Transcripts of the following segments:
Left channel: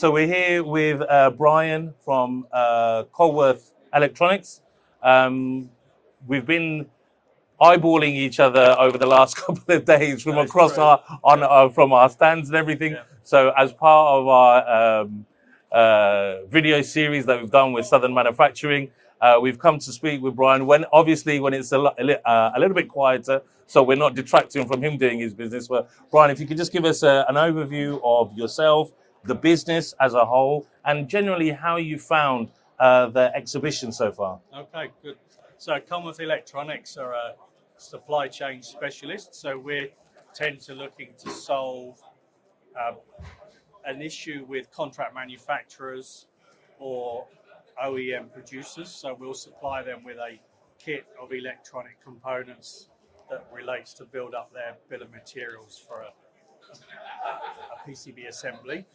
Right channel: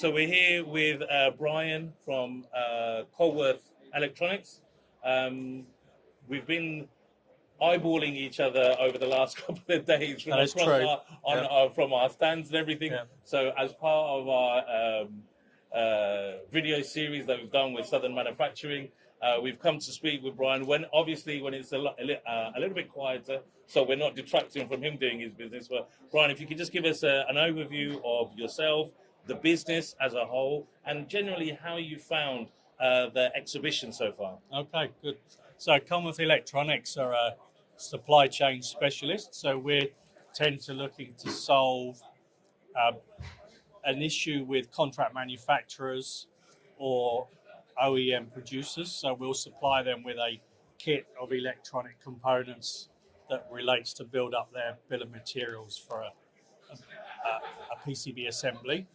So we're here with Brian from Colmworth Electronics. We've been eyeballing each other over the last couple of days from across from our stands and everything. Yeah. So as part of our video series that we've done with Southern Manufacturing, we've come to speak with Brian when it's a little bit quieter, so we're not detracting from him doing his business. But Brian, if you could just give us an overview of yourself, the business as a whole, and generally how you found the exhibition so far. Okay, good. So Colmworth Electronics are a supply chain specialist, so we tend to looking to solve an issue with contract manufacturers or OEM producers. So we'll supply them with a kit of electronic components that relates to build up their bill of materials for a PCB assembly,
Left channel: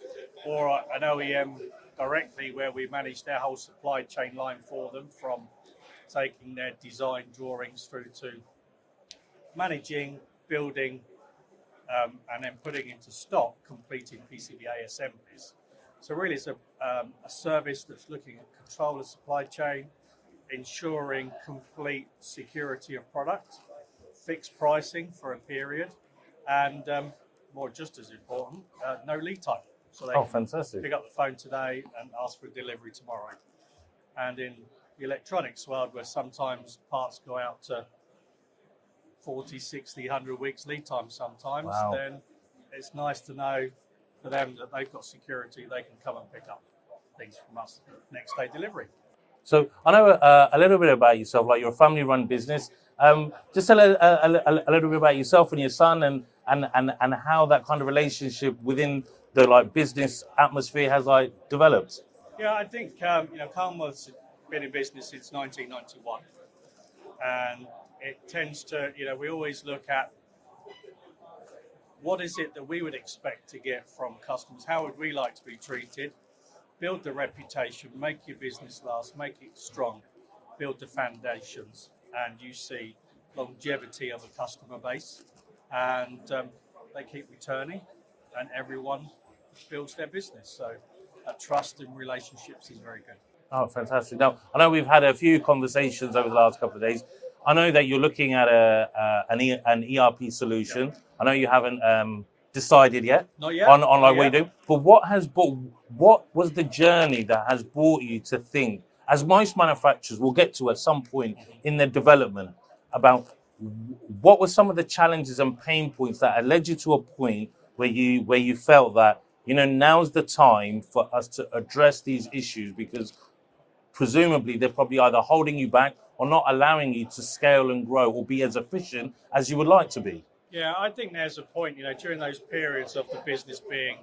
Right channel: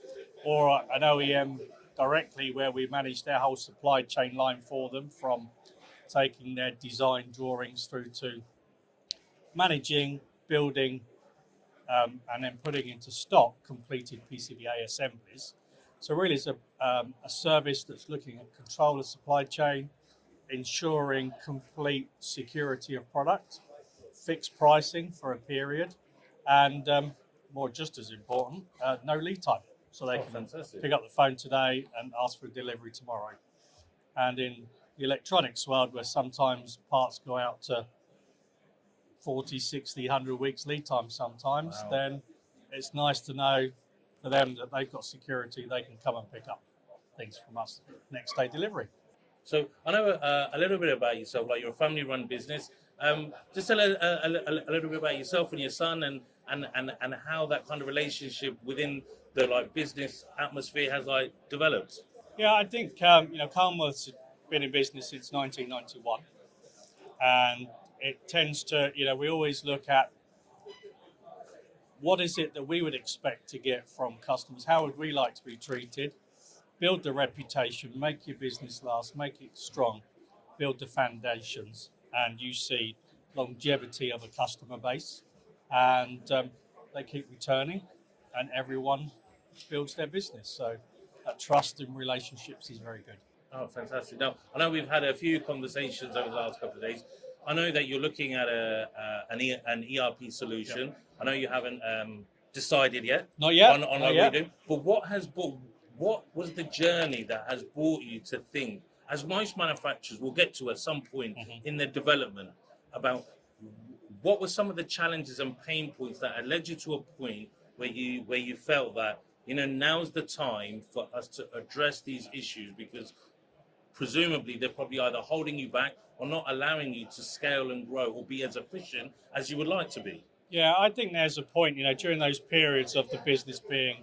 or an OEM directly where we manage their whole supply chain line for them, from taking their design drawings through to managing, building, and then putting into stock completed PCBA assemblies. So really it's a service that's looking at control of supply chain, ensuring complete security of product, fixed pricing for a period, and more just as important, no lead time. So they can pick up the phone today and ask for a delivery tomorrow. And in the electronics world, where sometimes parts go out to 40, 60, 100 weeks lead time sometimes, then it's nice to know for them that they've got security, they can come and pick up things from us next day delivery. So I know a little bit about yourself, like you're a family-run business. Just a little bit about yourself and your son, and how that kind of relationship within the business atmosphere has developed. Yeah, I think Colmworth's been in business since 1991, and it tends to we always look at what is it that we would expect to get from customers, how would we like to be treated, build the reputation, make your business last, make it strong, build the foundations, and you see longevity of a customer base, and they keep returning, and everyone builds their business. So that trust and relationships is very good. Oh, fantastic. Now, I know we've had a few conversations over the last couple of days. I know that you're looking at an ERP solution. Yeah. I know you haven't decided yet. Not yet. On what you do. But what was the journey that has brought you to think, as most manufacturers will get to at some point in their development, about what were some of the challenges and pain points that had led you to a point where you felt that now's the time for us to address these issues, because presumably they're probably either holding you back or not allowing you to scale and grow or be as efficient as you would like to be? Yeah, I think there's a point, during those periods of the business being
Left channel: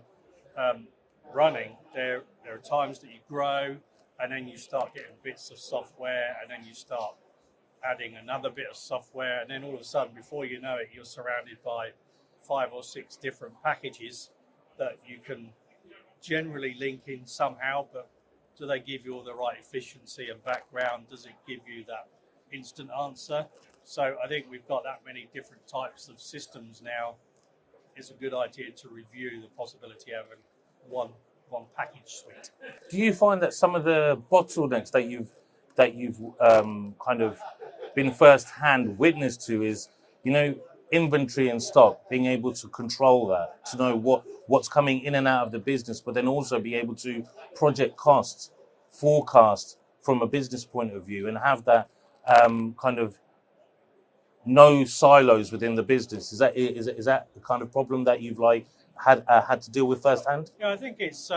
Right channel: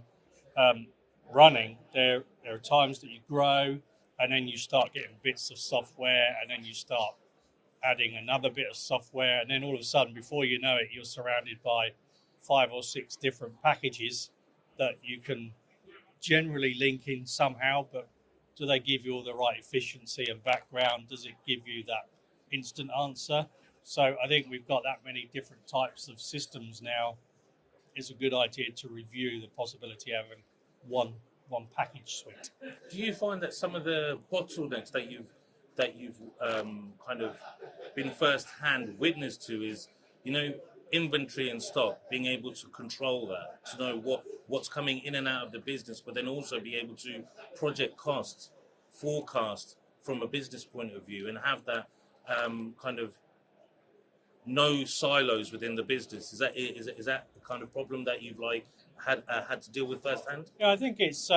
running, there are times that you grow and then you start getting bits of software, and then you start adding another bit of software, and then all of a sudden, before you know it, you're surrounded by 5 or 6 different packages that you can generally link in somehow, but do they give you all the right efficiency and background? Does it give you that instant answer? So I think we've got that many different types of systems now. It's a good idea to review the possibility of having one package suite. Do you find that some of the bottlenecks that you've kind of been first-hand witness to is, inventory and stock, being able to control that, to know what's coming in and out of the business, but then also be able to project costs, forecast from a business point of view, and have that kind of no silos within the business? Is that the kind of problem that you've had to deal with firsthand? Yeah, I think it's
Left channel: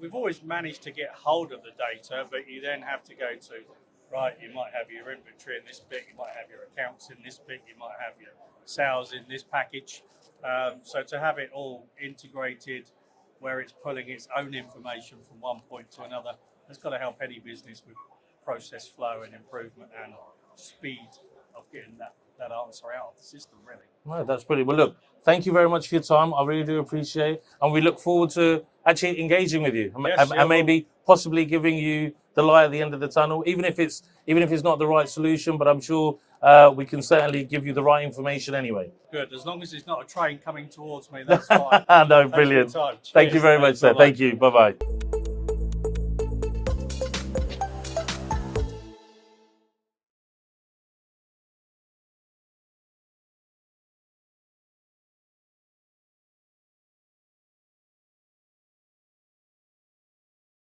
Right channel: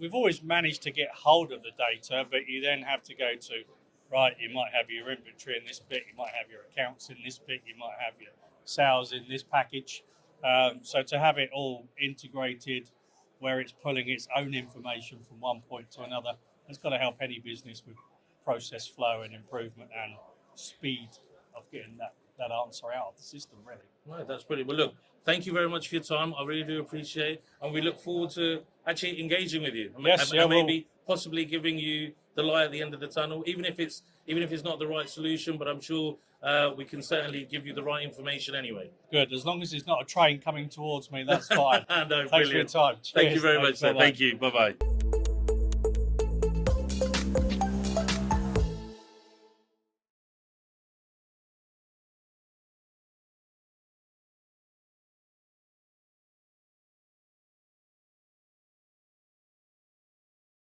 we've always managed to get hold of the data, but you then have to go to, you might have your inventory in this bit, you might have your accounts in this bit, you might have your sales in this package. So to have it all integrated, where it's pulling its own information from one point to another, it's got to help any business with process flow and improvement and speed of getting that answer out of the system, really. No, that's brilliant. Well, look, thank you very much for your time. I really do appreciate it. And we look forward to actually engaging with you, and maybe possibly giving you the light at the end of the tunnel, even if it's not the right solution, but I'm sure we can certainly give you the right information anyway. Good. As long as it's not a train coming towards me, that's fine. No, brilliant. Thank you very much, sir. Thank you. Bye-bye.